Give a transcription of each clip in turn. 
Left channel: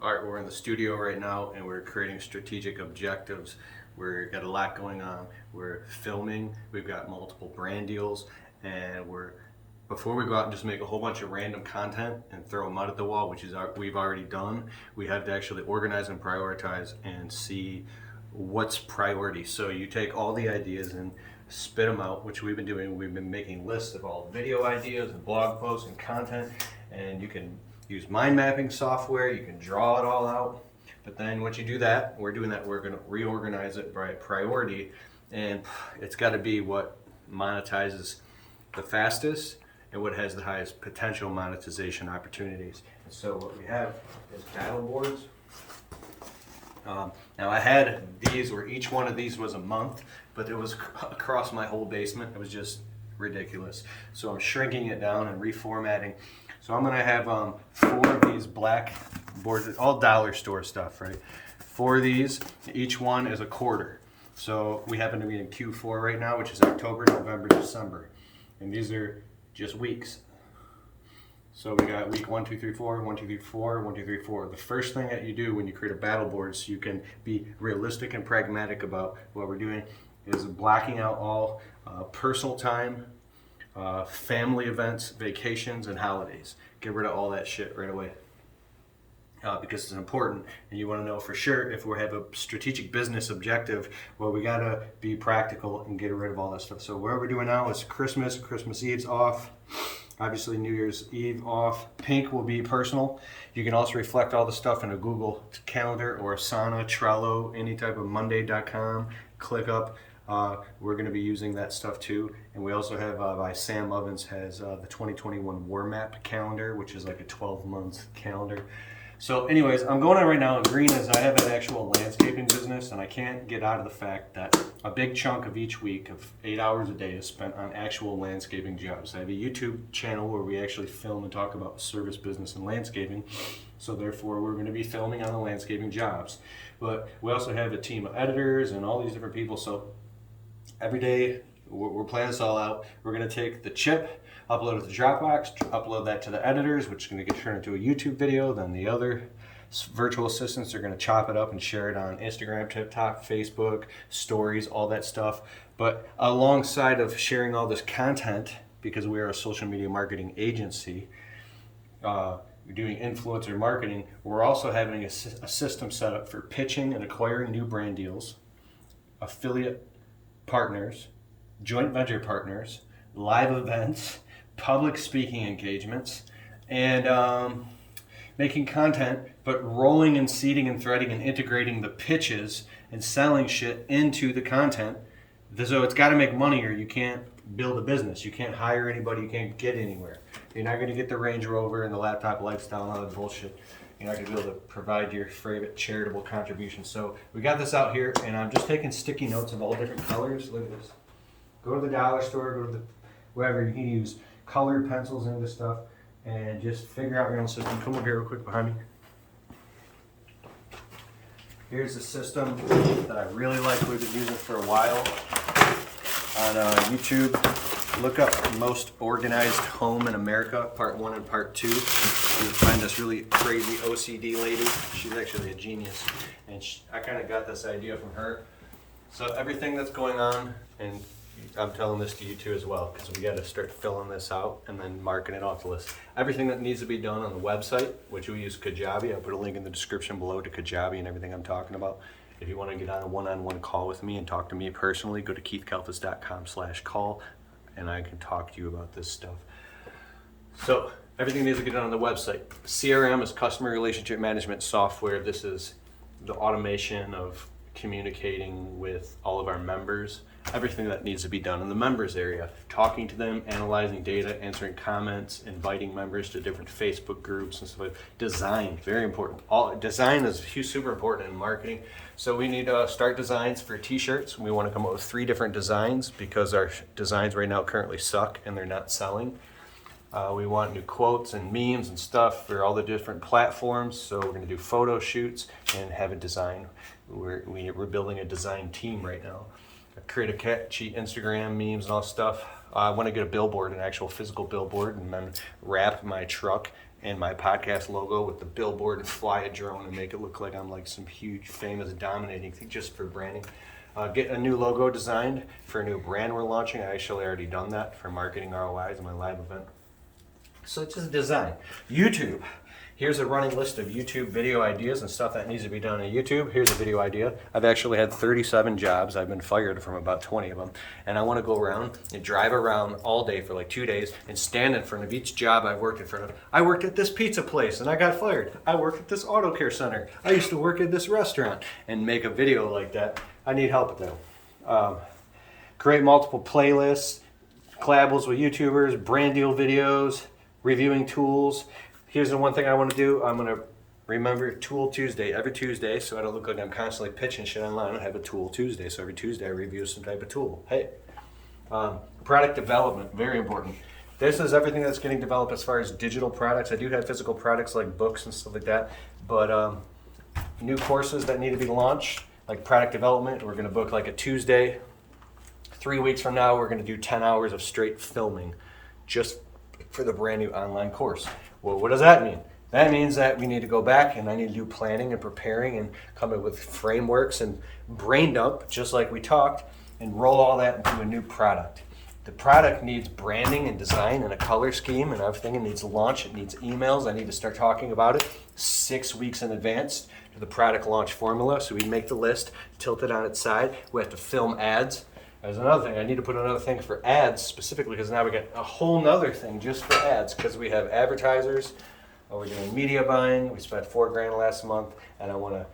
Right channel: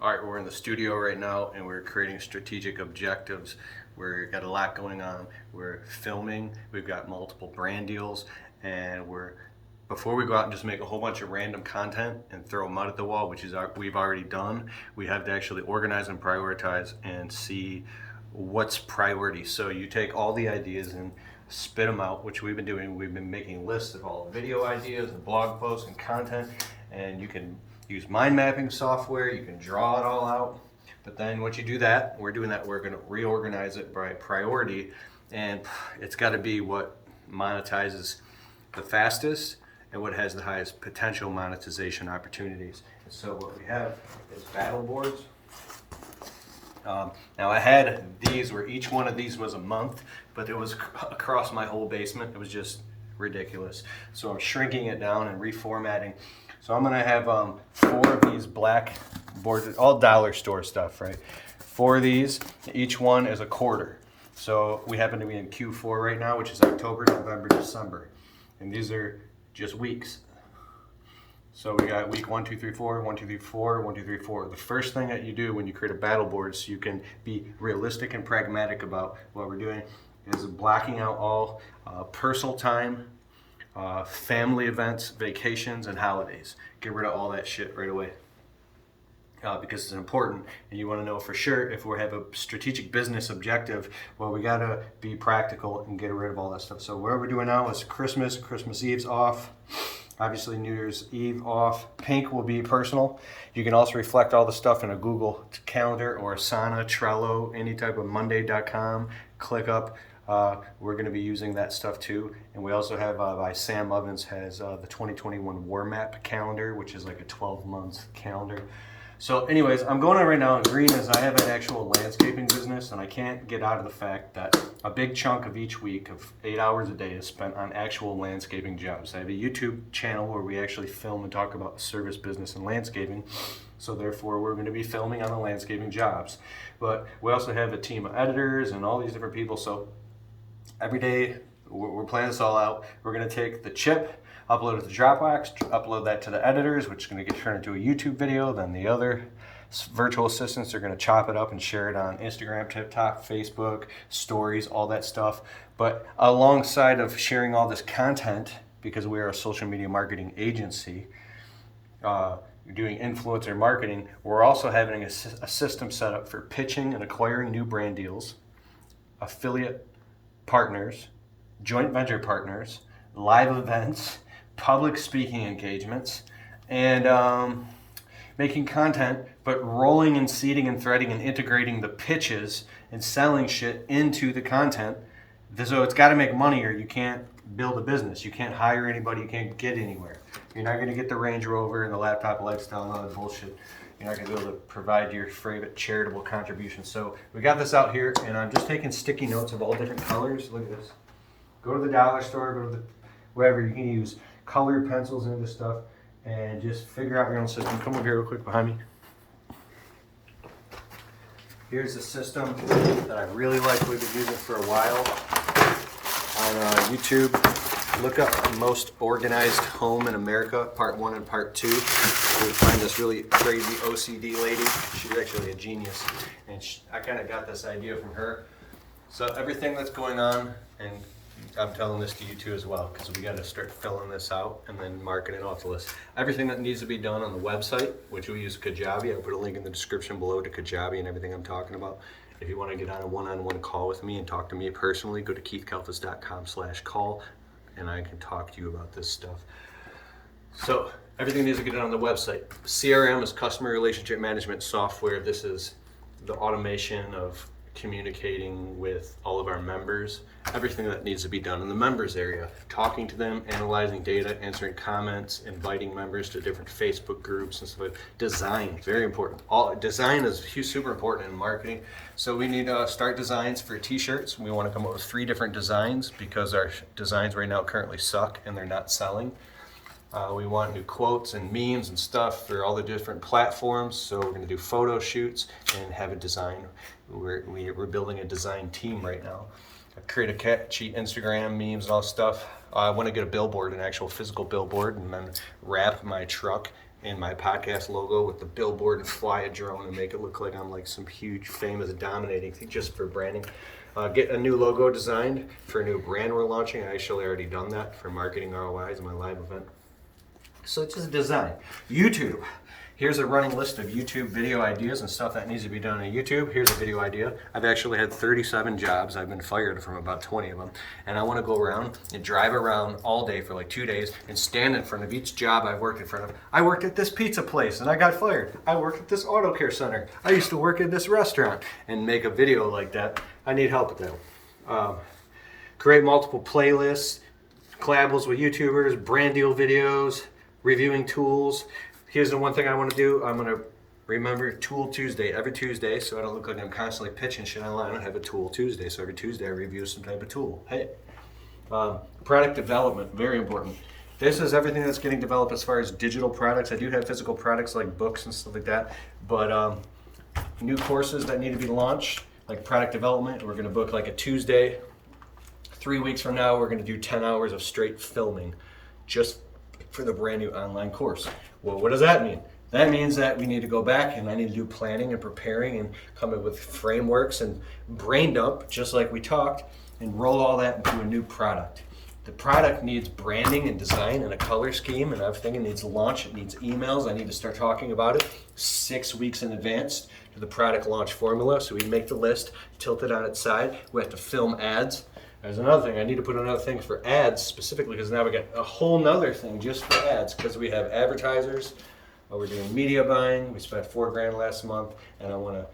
All right, we're in the studio right now and we're creating strategic objectives. We've got a lot going on. We're filming, we've got multiple brand deals, and before we go out and just make a whole bunch of random content and throw mud at the wall, which is we've already done, we have to actually organize and prioritize and see what's priority. So you take all the ideas and spit them out, which we've been doing. We've been making lists of all the video ideas and blog posts and content, and you can use mind mapping software, you can draw it all out. But then once you do that, we're going to reorganize it by priority, and it's got to be what monetizes the fastest and what has the highest potential monetization opportunities. And so what we have is battle boards. Now I had these where each one of these was a month, but it was across my whole basement. It was just ridiculous. So I'm shrinking it down and reformatting. So I'm gonna have 4 of these black boards, all dollar store stuff, right? 4 of these, each one is a quarter. So we happen to be in Q4 right now, which is October, November, December. And these are just weeks. So we got week 1, 2, 3, 4, 1, 2, 3, 4, 1, 2, 3, 4. The first thing that you do when you create a battle board, so you can be realistic and pragmatic about what we're doing, is blocking out all personal time, family events, vacations, and holidays. Get rid of all that shit right away. Because it's important, and you want to know for sure if we have a strategic business objective, well, we got to be practical and get rid of all that stuff. So what we're doing now is Christmas Eve's off. Obviously, New Year's Eve off. Pink will be personal. You can also reflect all the stuff in a Google Calendar or Asana, Trello, any type of Monday.com, ClickUp. We're going to be using that stuff too. And we also have, by Sam Ovens, has the 2021 War Map calendar, which is like a 12-month calendar. So anyways, I'm going on right now, and green is I have an actual landscaping business, and I can't get out of the fact that a big chunk of each week of 8 hours a day is spent on actual landscaping jobs. I have a YouTube channel where we actually film and talk about service business and landscaping. So therefore, we're going to be filming on the landscaping jobs. But we also have a team of editors and all these different people. So every day, we're planning this all out. We're going to take the chip, upload it to Dropbox, upload that to the editors, which is going to get turned into a YouTube video. Then the other virtual assistants are going to chop it up and share it on Instagram, TikTok, Facebook, stories, all that stuff. But alongside of sharing all this content, because we are a social media marketing agency, doing influencer marketing, we're also having a system set up for pitching and acquiring new brand deals, affiliate partners, joint venture partners, live events, public speaking engagements, and making content, but rolling and seeding and threading and integrating the pitches and selling shit into the content. So it's got to make money, or you can't build a business. You can't hire anybody. You can't get anywhere. You're not going to get the Range Rover and the laptop lifestyle and all that bullshit. You're not going to be able to provide your favorite charitable contribution. So we got this out here, and I'm just taking sticky notes of all different colors. Look at this. Go to the dollar store, go to the wherever. You can use colored pencils into this stuff and just figure out your own system. Come over here real quick behind me. Here's a system that I really like. We've been using for a while on YouTube. Look up most organized home in America, part 1 and part 2. You'll find this really crazy OCD lady. She's actually a genius, and I kind of got this idea from her. So everything that's going on, and I'm telling this to you too as well, because we got to start filling this out and then marking it off the list. Everything that needs to be done on the website, which we use Kajabi. I put a link in the description below to Kajabi and everything I'm talking about. If you want to get on a one-on-one call with me and talk to me personally, go to keithkalfas.com/call, and I can talk to you about this stuff. So everything needs to get done on the website. CRM is customer relationship management software. This is the automation of communicating with all of our members, everything that needs to be done in the members area, talking to them, analyzing data, answering comments, inviting members to different Facebook groups and stuff like that. Design, very important. Design is super important in marketing. So we need start designs for t-shirts. We want to come up with 3 different designs because our designs right now currently suck and they're not selling. We want new quotes and memes and stuff for all the different platforms. So we're going to do photo shoots and have a design. We're building a design team right now. Create a catchy Instagram memes and all stuff. I want to get a billboard, an actual physical billboard, and then wrap my truck and my podcast logo with the billboard and fly a drone and make it look like I'm like some huge, famous, dominating thing just for branding. Get a new logo designed for a new brand we're launching. I actually already done that for Marketing ROIs in my live event. So it's just design. YouTube. Here's a running list of YouTube video ideas and stuff that needs to be done on YouTube. Here's a video idea. I've actually had 37 jobs. I've been fired from about 20 of them. And I want to go around and drive around all day for like 2 days and stand in front of each job I've worked in front of. I worked at this pizza place and I got fired. I worked at this auto care center. I used to work at this restaurant, and make a video like that. I need help with that. Create multiple playlists, collaborations with YouTubers, brand deal videos, reviewing tools. Here's the one thing I want to do. I'm going to remember Tool Tuesday every Tuesday, so I don't look like I'm constantly pitching shit online. I have a Tool Tuesday, so every Tuesday I review some type of tool. Hey, product development, very important. This is everything that's getting developed as far as digital products. I do have physical products like books and stuff like that, but new courses that need to be launched, like product development, we're going to book like a Tuesday. 3 weeks from now, we're going to do 10 hours of straight filming just for the brand new online course. Well, what does that mean? That means that we need to go back and I need to do planning and preparing and come up with frameworks and brain dump, just like we talked, and roll all that into a new product. The product needs branding and design and a color scheme and everything. It needs launch, it needs emails. I need to start talking about it 6 weeks in advance to the product launch formula. So we make the list, tilt it on its side. We have to film ads. There's another thing. I need to put another thing for ads specifically, because now we got a whole nother thing just for ads, because we have advertisers. We're doing media buying. We spent $4,000 last month, and I want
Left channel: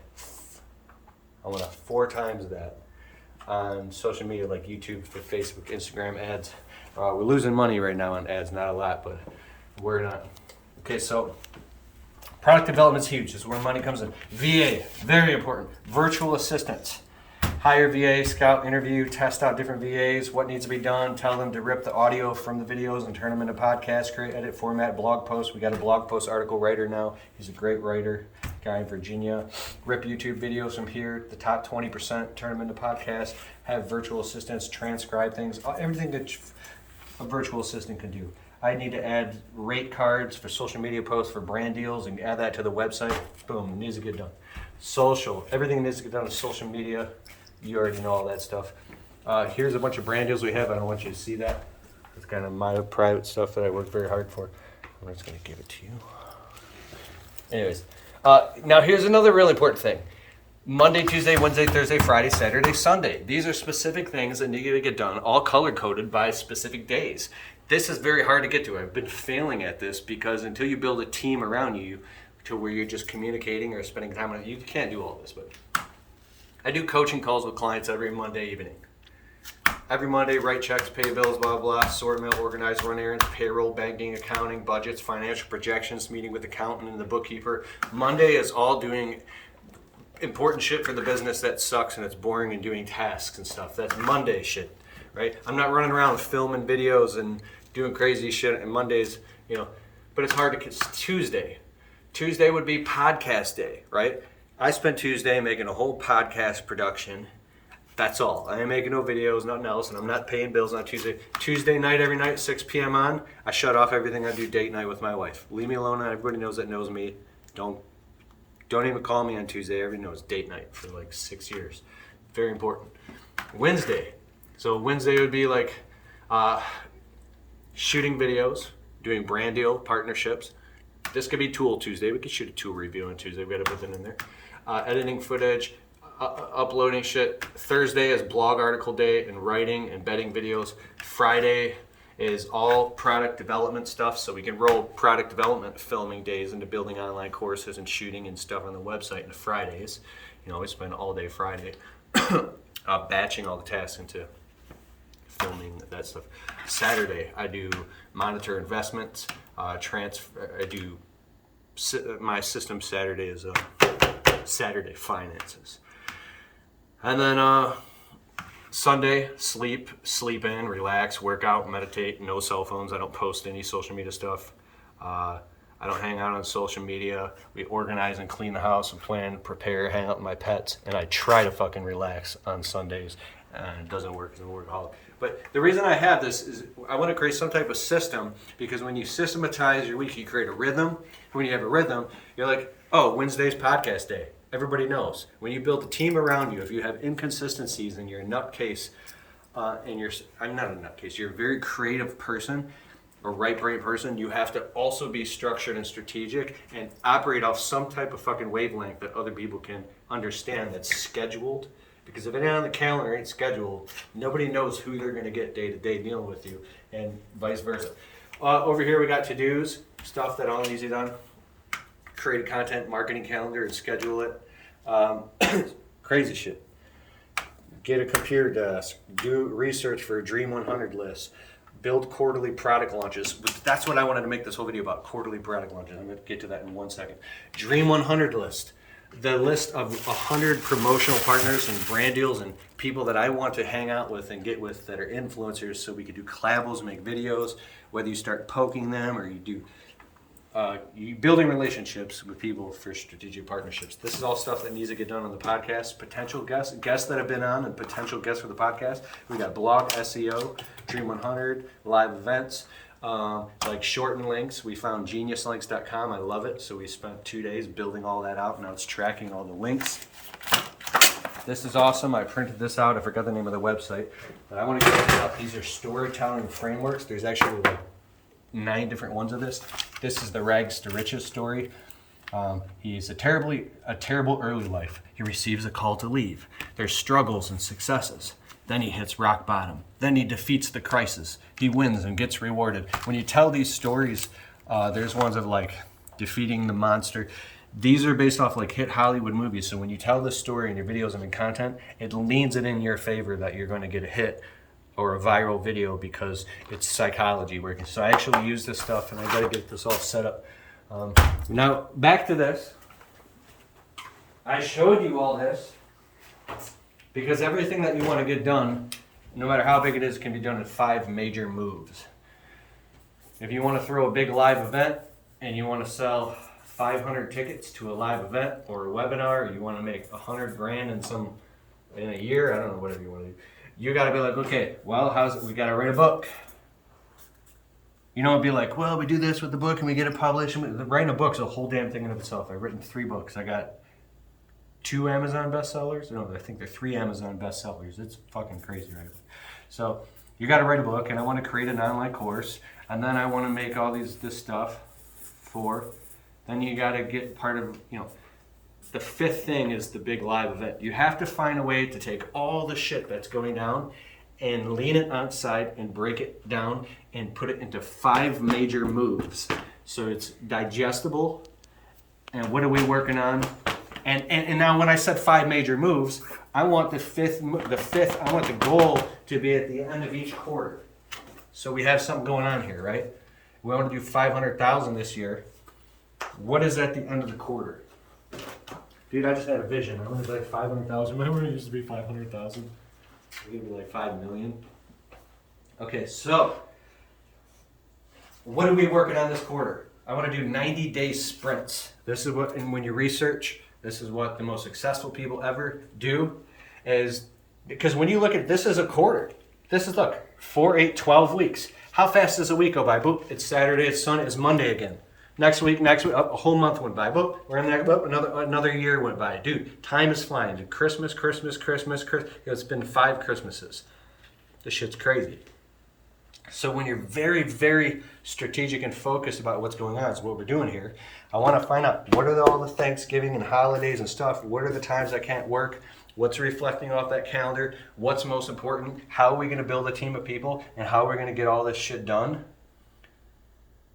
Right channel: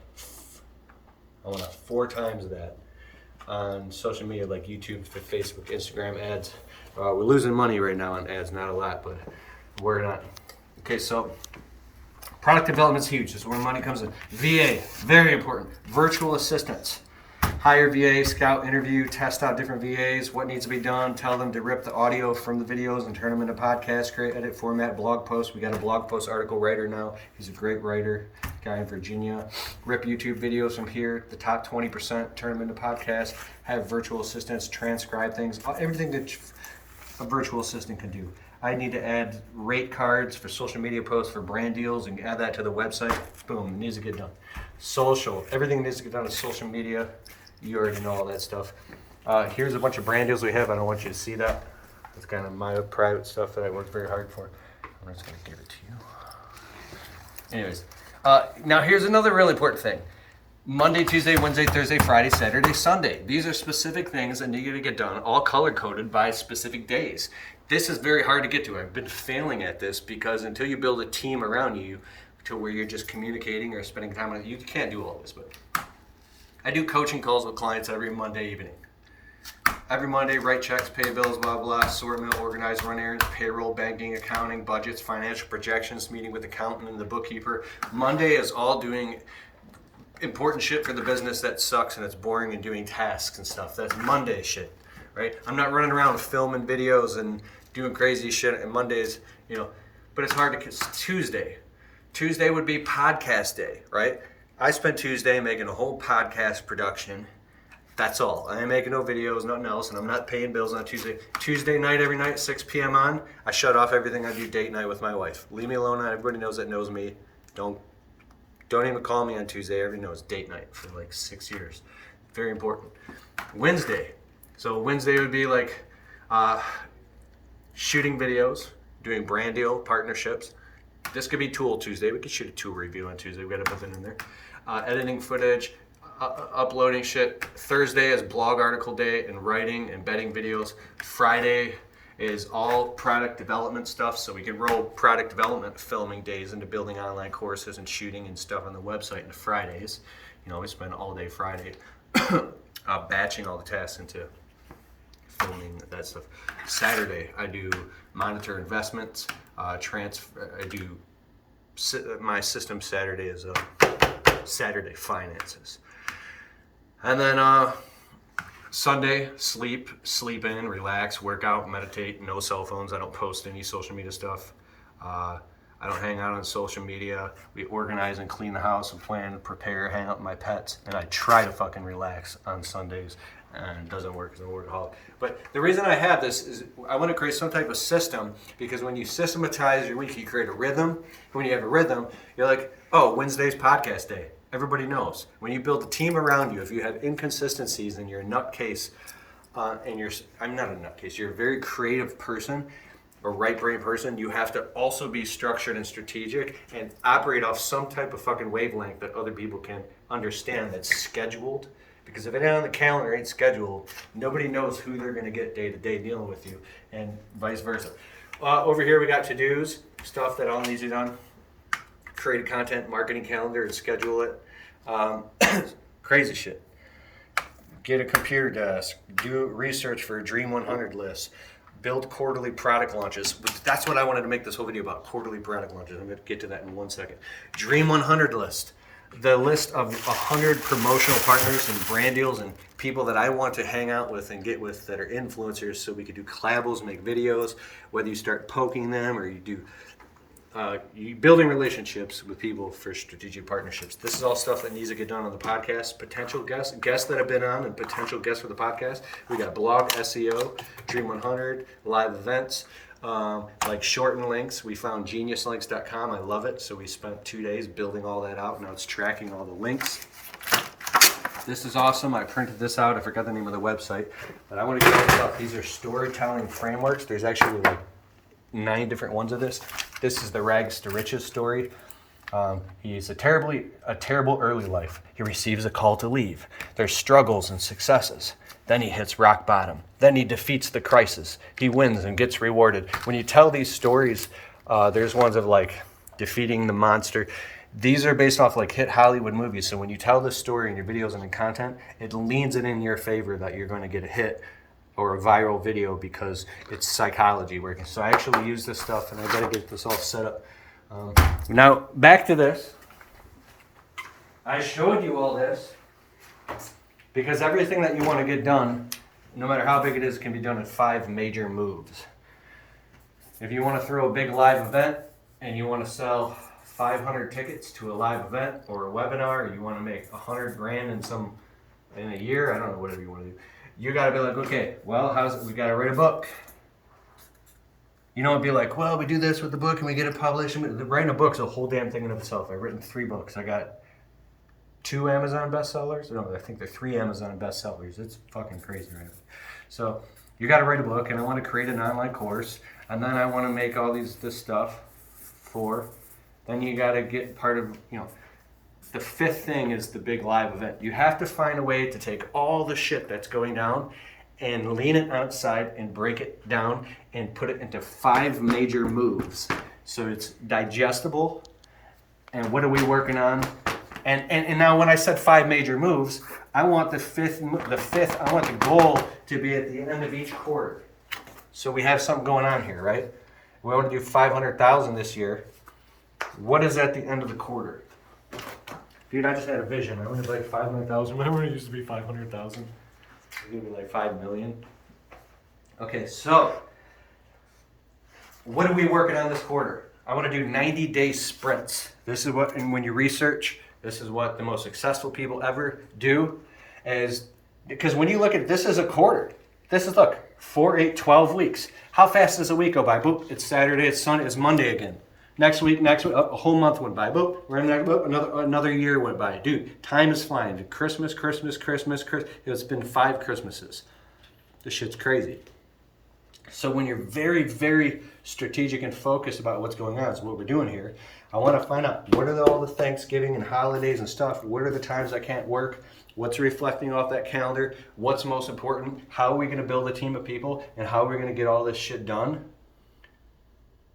to 4 times that on social media like YouTube, Facebook, Instagram ads. We're losing money right now on ads, not a lot, but we're not. Okay, so product development is huge. This is where money comes in. VA, very important. Virtual assistants. Hire VA, scout, interview, test out different VAs, what needs to be done, tell them to rip the audio from the videos and turn them into podcasts, create, edit, format, blog posts. We got a blog post article writer now. He's a great writer, guy in Virginia. Rip YouTube videos from here, the top 20%, turn them into podcasts, have virtual assistants, transcribe things, everything that a virtual assistant can do. I need to add rate cards for social media posts for brand deals and add that to the website. Boom, it needs to get done. Social, everything needs to get done on social media. You already know all that stuff. Here's a bunch of brand deals we have. I don't want you to see that. It's kind of my private stuff that I work very hard for. I'm just going to give it to you. Anyways, now here's another really important thing. Monday, Tuesday, Wednesday, Thursday, Friday, Saturday, Sunday. These are specific things that need to get done, all color-coded by specific days. This is very hard to get to. I've been failing at this because until you build a team around you to where you're just communicating or spending time on it, you can't do all this. But I do coaching calls with clients every Monday evening. Every Monday, write checks, pay bills, blah, blah, sort mail, organize, run errands, payroll, banking, accounting, budgets, financial projections, meeting with the accountant and the bookkeeper. Monday is all doing important shit for the business that sucks and it's boring and doing tasks and stuff. That's Monday shit, right? I'm not running around filming videos and doing crazy shit and Mondays, but it's hard to, it's Tuesday. Tuesday would be podcast day, right? I spent Tuesday making a whole podcast production. That's all. I ain't making no videos, nothing else, and I'm not paying bills on Tuesday. Tuesday night, every night, 6 p.m. on, I shut off everything. I do date night with my wife. Leave me alone. Everybody knows me. Don't even call me on Tuesday. Everybody knows date night for like 6 years. Very important. Wednesday. So Wednesday would be like shooting videos, doing brand deal partnerships. This could be Tool Tuesday. We could shoot a tool review on Tuesday. We got to put that in there. Editing footage, uploading shit. Thursday is blog article day and writing, embedding videos. Friday is all product development stuff. So we can roll product development filming days into building online courses and shooting and stuff on the website on Fridays. We spend all day Friday batching all the tasks into filming that stuff. Saturday, I do monitor investments. I do my system. Saturday is Saturday finances, and then Sunday sleep in, relax, work out, meditate. No cell phones. I don't post any social media stuff. I don't hang out on social media. We organize and clean the house and plan, prepare, hang out with my pets, and I try to fucking relax on Sundays. and it doesn't work as a workaholic. But the reason I have this is I want to create some type of system, because when you systematize your week, you create a rhythm. When you have a rhythm, you're like, oh, Wednesday's podcast day. Everybody knows. When you build a team around you, if you have inconsistencies and you're a nutcase, I'm not a nutcase, you're a very creative person, a right brain person, you have to also be structured and strategic and operate off some type of fucking wavelength that other people can understand, that's scheduled. Because if it ain't on the calendar, ain't scheduled, nobody knows who they're going to get day to day dealing with you, and vice versa. Over here we got to-dos, stuff that all needs to be done. Create a content marketing calendar and schedule it. Crazy shit. Get a computer desk. Do research for a Dream 100 list. Build quarterly product launches. That's what I wanted to make this whole video about, quarterly product launches. I'm going to get to that in 1 second. Dream 100 list. The list of 100 promotional partners and brand deals and people that I want to hang out with and get with that are influencers, so we could do collabs, make videos, whether you start poking them or you do you building relationships with people for strategic partnerships. This is all stuff that needs to get done on the podcast. Potential guests that have been on and potential guests for the podcast. We got blog, SEO, Dream 100, live events, like shortened links. We found geniuslinks.com. I love it. So we spent 2 days building all that out. Now it's tracking all the links. This is awesome. I printed this out. I forgot the name of the website, but I want to get this up. These are storytelling frameworks. There's actually like 9 different ones of this. This is the rags to riches story. He's a terrible early life. He receives a call to leave. There's struggles and successes. Then he hits rock bottom. Then he defeats the crisis. He wins and gets rewarded. When you tell these stories, there's ones of like defeating the monster. These are based off like hit Hollywood movies. So when you tell this story in your videos and in content, it leans it in your favor that you're going to get a hit or a viral video, because it's psychology working. So I actually use this stuff, and I got to get this all set up. Now back to this. I showed you all this because everything that you want to get done, no matter how big it is, can be done in 5 major moves. If you want to throw a big live event and you want to sell 500 tickets to a live event or a webinar, or you want to make 100 grand in a year, I don't know, whatever you want to do. You got to be like, okay, well, we got to write a book. You know, it'd be like, well, we do this with the book and we get it published. Writing a book's a whole damn thing in of itself. I've written 3 books. I got 2 Amazon bestsellers. No, I think they're 3 Amazon bestsellers. It's fucking crazy, right? So you got to write a book, and I want to create an online course, and then I want to make all this stuff for. Then you got to get part of, the 5th thing is the big live event. You have to find a way to take all the shit that's going down and lean it outside and break it down and put it into 5 major moves. So it's digestible. And what are we working on? And now when I said 5 major moves, I want the fifth, I want the goal to be at the end of each quarter. So we have something going on here, right? We want to do 500,000 this year. What is at the end of the quarter? Dude, I just had a vision. I'm gonna be like 500,000. Remember when it used to be 500,000? It's gonna be like 5 million. Okay, so what are we working on this quarter? I want to do 90-day sprints. This is what, and when you research, this is what the most successful people ever do, is because when you look at this as a quarter, this is, look, 4, 8, 12 weeks. How fast does a week go by? Boop, it's Saturday, it's Sunday, it's Monday again. Next week, a whole month went by. Boop, we're in there, boop, another year went by. Dude, time is flying. Christmas. It's been 5 Christmases. This shit's crazy. So when you're very, very strategic and focused about what's going on, is what we're doing here. I want to find out, what are all the Thanksgiving and holidays and stuff? What are the times I can't work? What's reflecting off that calendar? What's most important? How are we going to build a team of people? And how are we going to get all this shit done?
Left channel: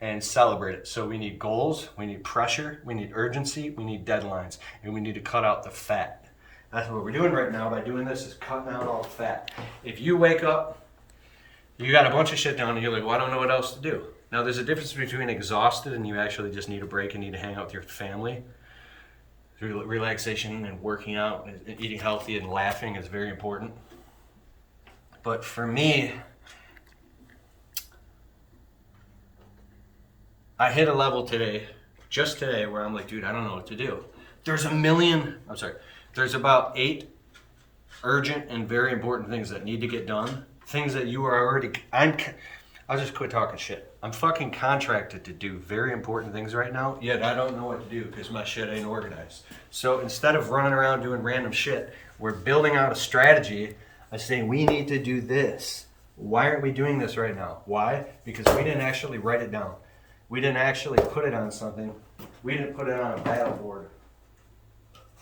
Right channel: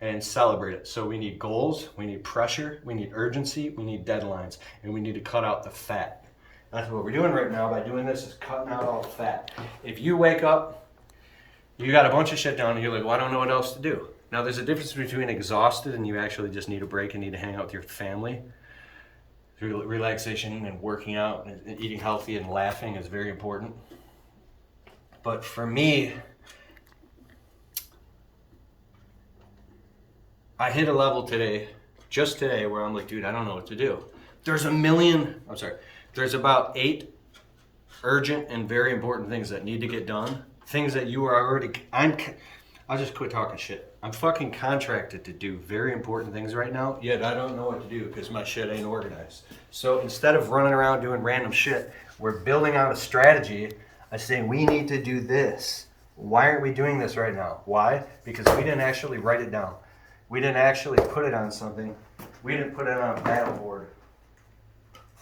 And celebrate it. So we need goals, we need pressure, we need urgency, we need deadlines, and we need to cut out the fat. That's what we're doing right now by doing this, is cutting out all the fat. If you wake up, you got a bunch of shit done, and you're like, well, I don't know what else to do. Now, there's a difference between exhausted and you actually just need a break and need to hang out with your family. Relaxation and working out and eating healthy and laughing is very important. But for me, I hit a level just today, where I'm like, dude, I don't know what to do. There's about 8 urgent and very important things that need to get done. Things that you are already, I'll just quit talking shit. I'm fucking contracted to do very important things right now, yet I don't know what to do because my shit ain't organized. So instead of running around doing random shit, we're building out a strategy. I say we need to do this. Why aren't we doing this right now? Why? Because we didn't actually write it down. We didn't actually put it on something. We didn't put it on a battle board.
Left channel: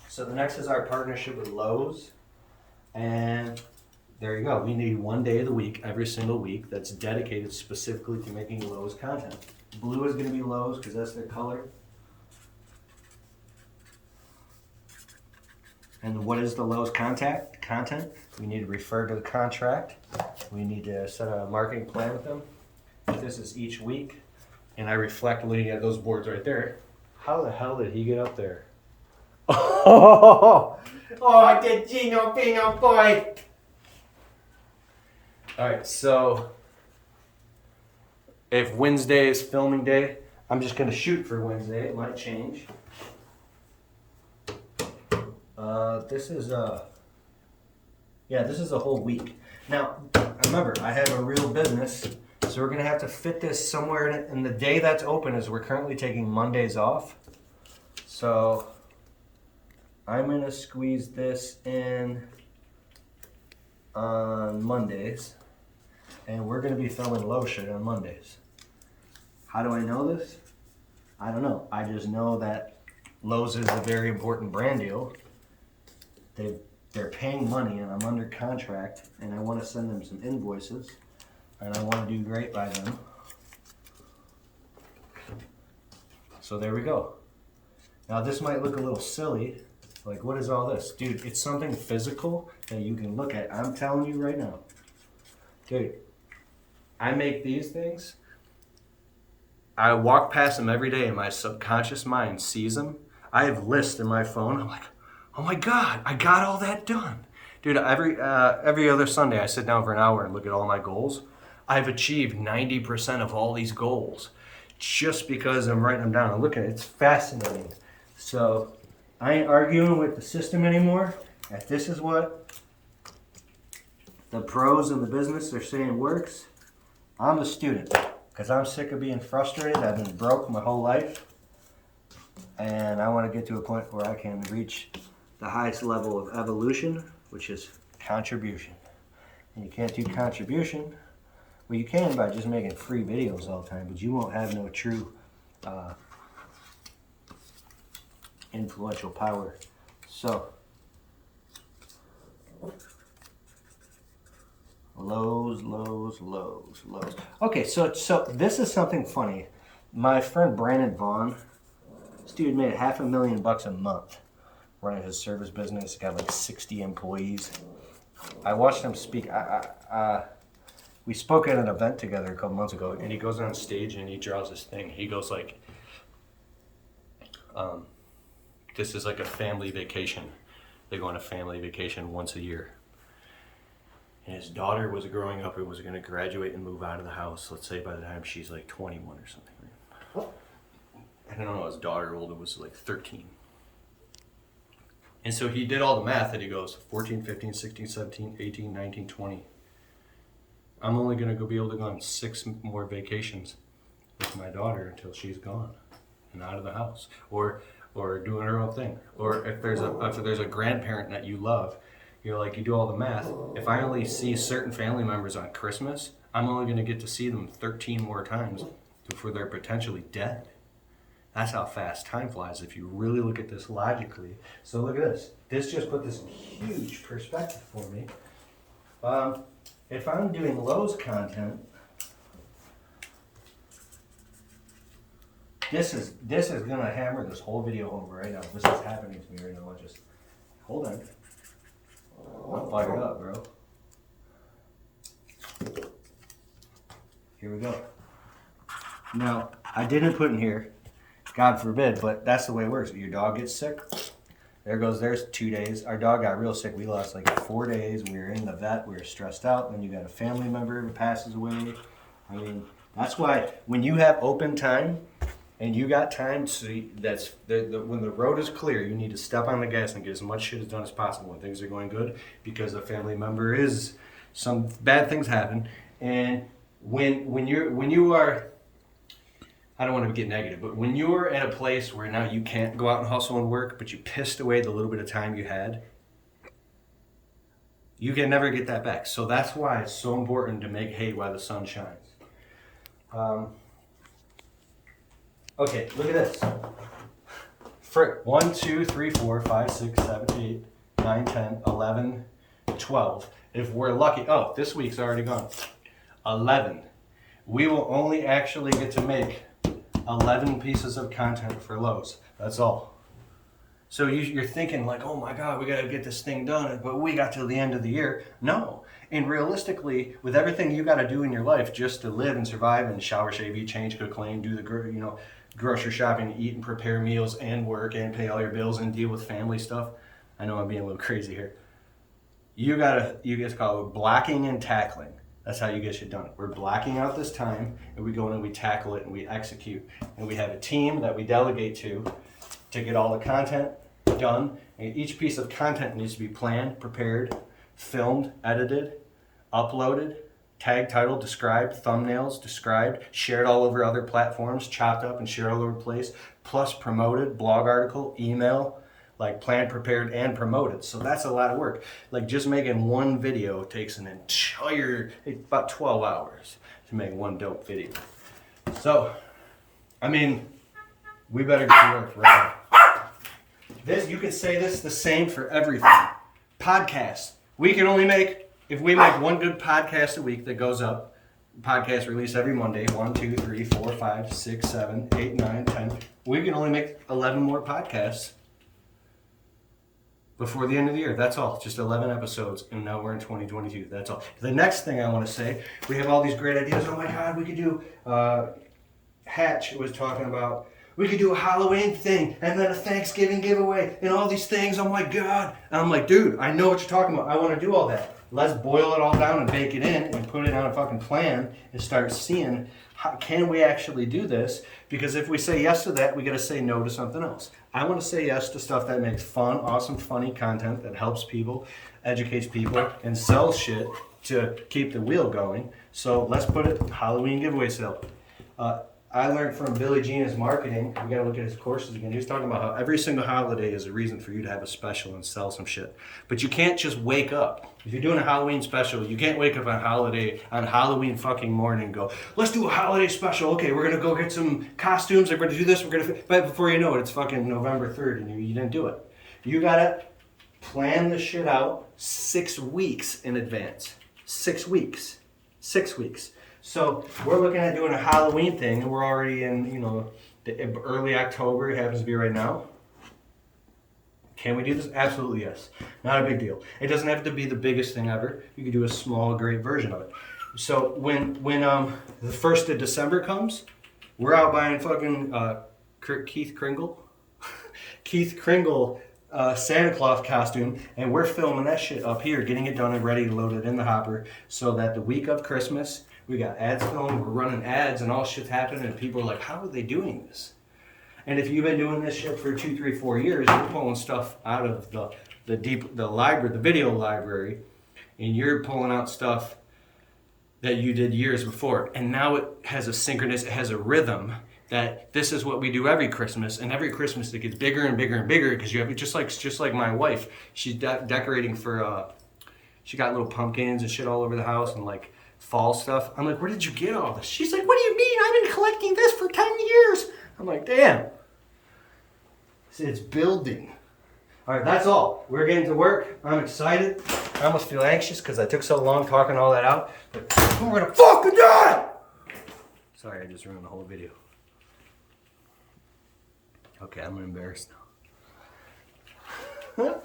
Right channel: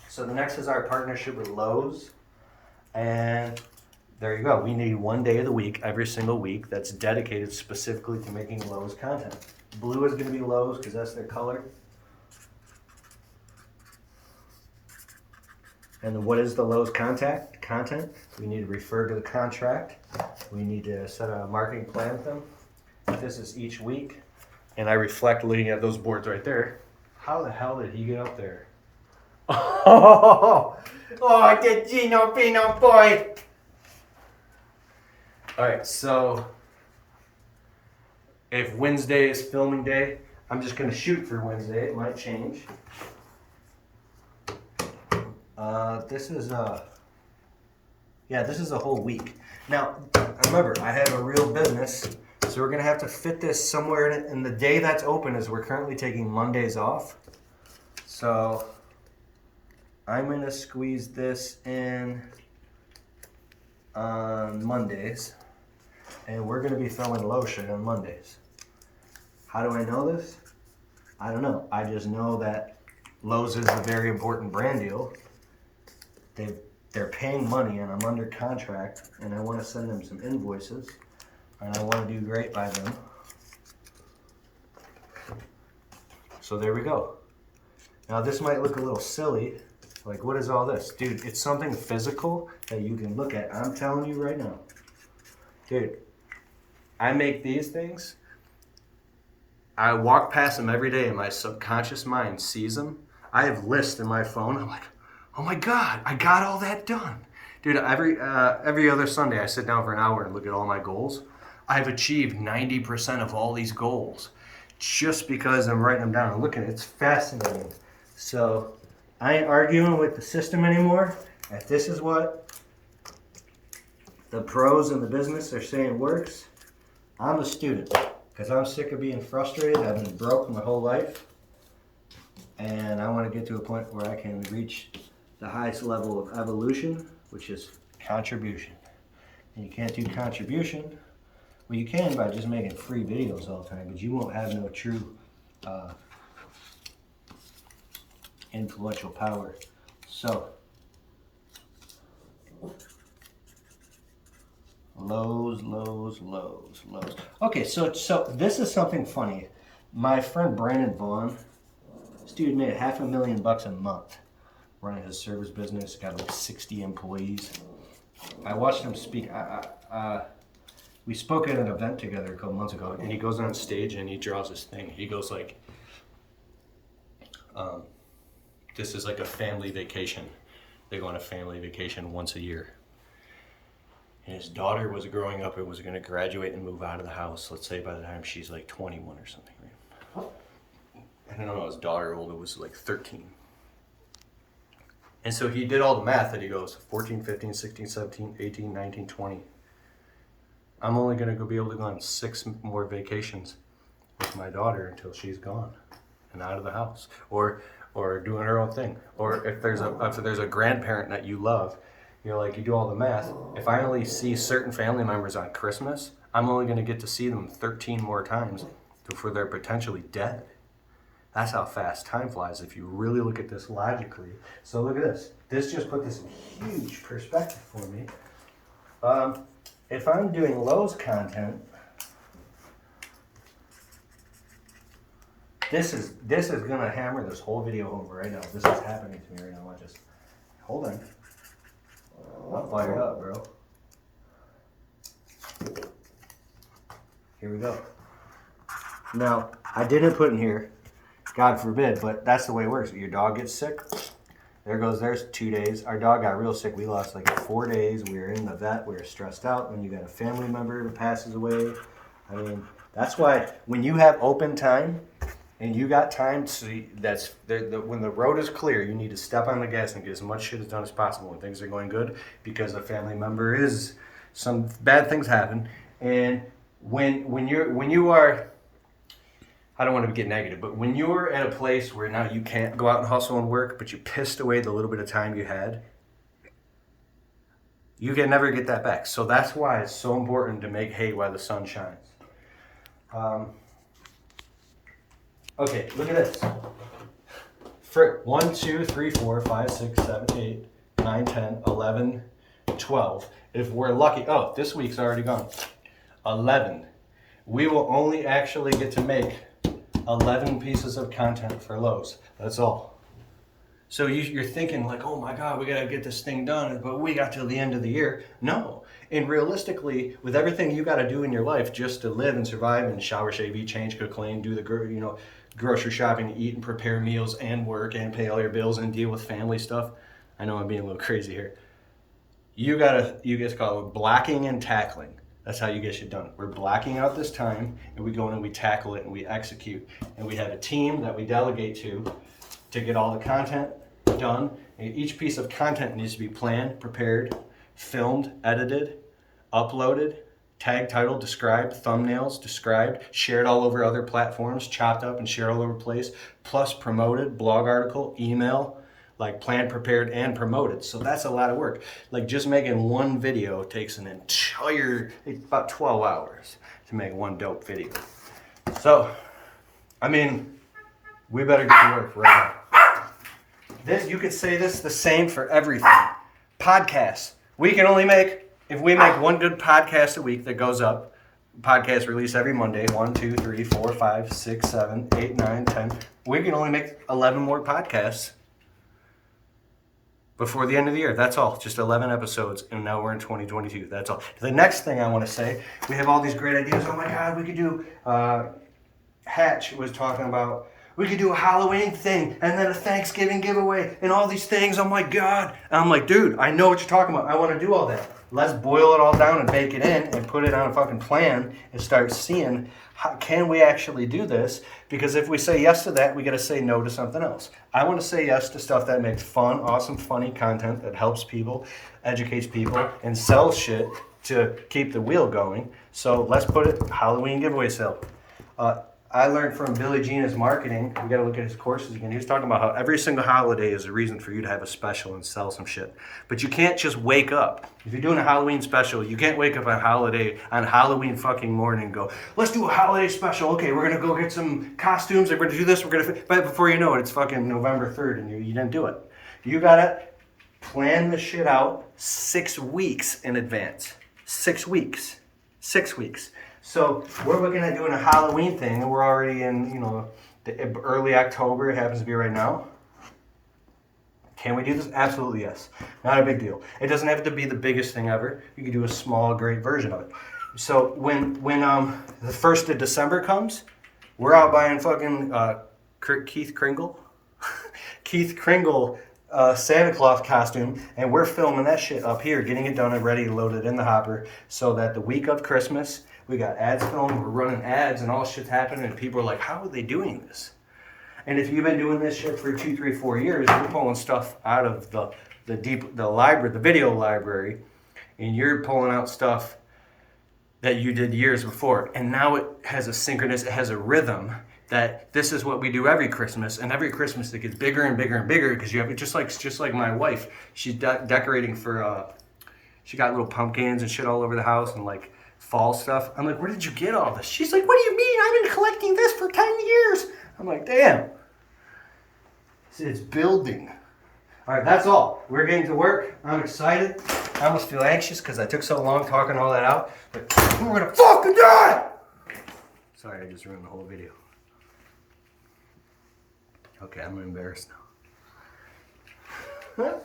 So the next is our partnership with Lowe's. And there you go. We need one day of the week, every single week, that's dedicated specifically to making Lowe's content. Blue is going to be Lowe's because that's their color. And what is the Lowe's content? We need to refer to the contract. We need to set a marketing plan with them. This is each week. And I reflect looking at those boards right there. How the hell did he get up there? Oh, the Gino Pino boy. All right, so if Wednesday is filming day, I'm just gonna shoot for Wednesday. It might change. This is a whole week. Now, remember, I have a real business, so we're gonna have to fit this somewhere in it. And the day that's open is we're currently taking Mondays off. So I'm gonna squeeze this in on Mondays, and we're gonna be filming low shit on Mondays. How do I know this? I don't know. I just know that Lowe's is a very important brand deal. They're paying money, and I'm under contract, and I want to send them some invoices, and I want to do great by them. So there we go. Now this might look a little silly. Like, what is all this? Dude, it's something physical that you can look at. I'm telling you right now. Dude, I make these things. I walk past them every day and my subconscious mind sees them. I have lists in my phone. I'm like, oh my God, I got all that done. Dude, every other Sunday I sit down for an hour and look at all my goals. I've achieved 90% of all these goals just because I'm writing them down and looking at it. It's fascinating. So I ain't arguing with the system anymore. If this is what the pros in the business are saying works, I'm a student because I'm sick of being frustrated. I've been broke my whole life, and I want to get to a point where I can reach the highest level of evolution, which is contribution. And you can't do contribution. Well, you can by just making free videos all the time, but you won't have no true influential power. So Lowe's. Okay, so this is something funny. My friend Brandon Vaughn, this dude made $500,000 a month running his service business. Got like 60 employees. I watched him speak. We spoke at an event together a couple months ago, and he goes on stage and he draws this thing. He goes like, this is like a family vacation. They go on a family vacation once a year. And his daughter was growing up and was going to graduate and move out of the house, let's say by the time she's like 21 or something. Right? I don't know, his daughter older was like 13. And so he did all the math and he goes 14, 15, 16, 17, 18, 19, 20. I'm only going to be able to go on 6 more vacations with my daughter until she's gone and out of the house or doing her own thing. Or if there's a grandparent that you love, you're like, you do all the math. If I only see certain family members on Christmas, I'm only going to get to see them 13 more times before they're potentially dead. That's how fast time flies if you really look at this logically. So look at this. This just put this in huge perspective for me. If I'm doing Lowe's content, this is gonna hammer this whole video home right now. This is happening to me right now. Just hold on. I'm fired up, bro. Here we go. Now, I didn't put in here, God forbid, but that's the way it works. Your dog gets sick, there's 2 days. Our dog got real sick. We lost like 4 days. We were in the vet. We were stressed out. Then you got a family member who passes away. I mean, that's why when you have open time, and you got time to, when the road is clear, you need to step on the gas and get as much shit as done as possible when things are going good, because a family member is, some bad things happen. And when you are, I don't want to get negative, but when you're at a place where now you can't go out and hustle and work, but you pissed away the little bit of time you had, you can never get that back. So that's why it's so important to make hay while the sun shines. Okay, look at this. For 1, 2, 3, 4, 5, 6, 7, 8, 9, 10, 11, 12. If we're lucky, oh, this week's already gone. 11. We will only actually get to make 11 pieces of content for Lowe's. That's all. So you're thinking like, oh my God, we gotta get this thing done, but we got till the end of the year. No. And realistically, with everything you gotta do in your life just to live and survive and shower, shave, eat, change, cook, clean, do the grocery shopping, eat and prepare meals and work and pay all your bills and deal with family stuff. I know I'm being a little crazy here. You guys call it blocking and tackling. That's how you get shit done. We're blocking out this time, and we go in and we tackle it and we execute. And we have a team that we delegate to get all the content done. And each piece of content needs to be planned, prepared, filmed, edited, uploaded, tag, title, described, thumbnails, described, shared all over other platforms, chopped up and shared all over the place, plus promoted, blog article, email, like planned, prepared, and promoted. So that's a lot of work. Like just making one video takes about 12 hours to make one dope video. So, I mean, we better get to work right now. You could say this the same for everything. Podcasts. We can only make, if we make one good podcast a week that goes up, podcast release every Monday, 1, 2, 3, 4, 5, 6, 7, 8, 9, 10. We can only make 11 more podcasts before the end of the year. That's all. Just 11 episodes, and now we're in 2022. That's all. The next thing I want to say, we have all these great ideas. Oh my God, we could do, Hatch was talking about, we could do a Halloween thing and then a Thanksgiving giveaway and all these things. Oh my God. And I'm like, dude, I know what you're talking about. I want to do all that. Let's boil it all down and bake it in and put it on a fucking plan and start seeing how can we actually do this? Because if we say yes to that, we got to say no to something else. I want to say yes to stuff that makes fun, awesome, funny content that helps people, educates people, and sells shit to keep the wheel going. So let's put it Halloween giveaway sale. I learned from Billy Gina's marketing. We got to look at his courses again. He was talking about how every single holiday is a reason for you to have a special and sell some shit. But you can't just wake up. If you're doing a Halloween special, you can't wake up on Halloween fucking morning and go, let's do a holiday special. Okay, we're going to go get some costumes. We're going to do this. But before you know it, it's fucking November 3rd and you didn't do it. You got to plan this shit out 6 weeks in advance. 6 weeks. 6 weeks. So we're looking at doing a Halloween thing, and we're already in, the early October. It happens to be right now. Can we do this? Absolutely yes. Not a big deal. It doesn't have to be the biggest thing ever. You can do a small, great version of it. So when the 1st of December comes, we're out buying fucking Keith Kringle Santa Claus costume, and we're filming that shit up here, getting it done and ready, loaded in the hopper, so that the week of Christmas, we got ads filmed, we're running ads, and all shit's happening, and people are like, how are they doing this? And if you've been doing this shit for 2, 3, 4 years, you're pulling stuff out of the video library, and you're pulling out stuff that you did years before. And now it has it has a rhythm that this is what we do every Christmas, and every Christmas it gets bigger and bigger and bigger, because you have it just like my wife. She's decorating for, she got little pumpkins and shit all over the house and like fall stuff. I'm like, where did you get all this? She's like, what do you mean? I've been collecting this for 10 years. I'm like, damn. It's building. All right, that's all. We're getting to work. I'm excited. I almost feel anxious because I took so long talking all that out. But we're gonna fucking die! Sorry, I just ruined the whole video. Okay, I'm embarrassed now.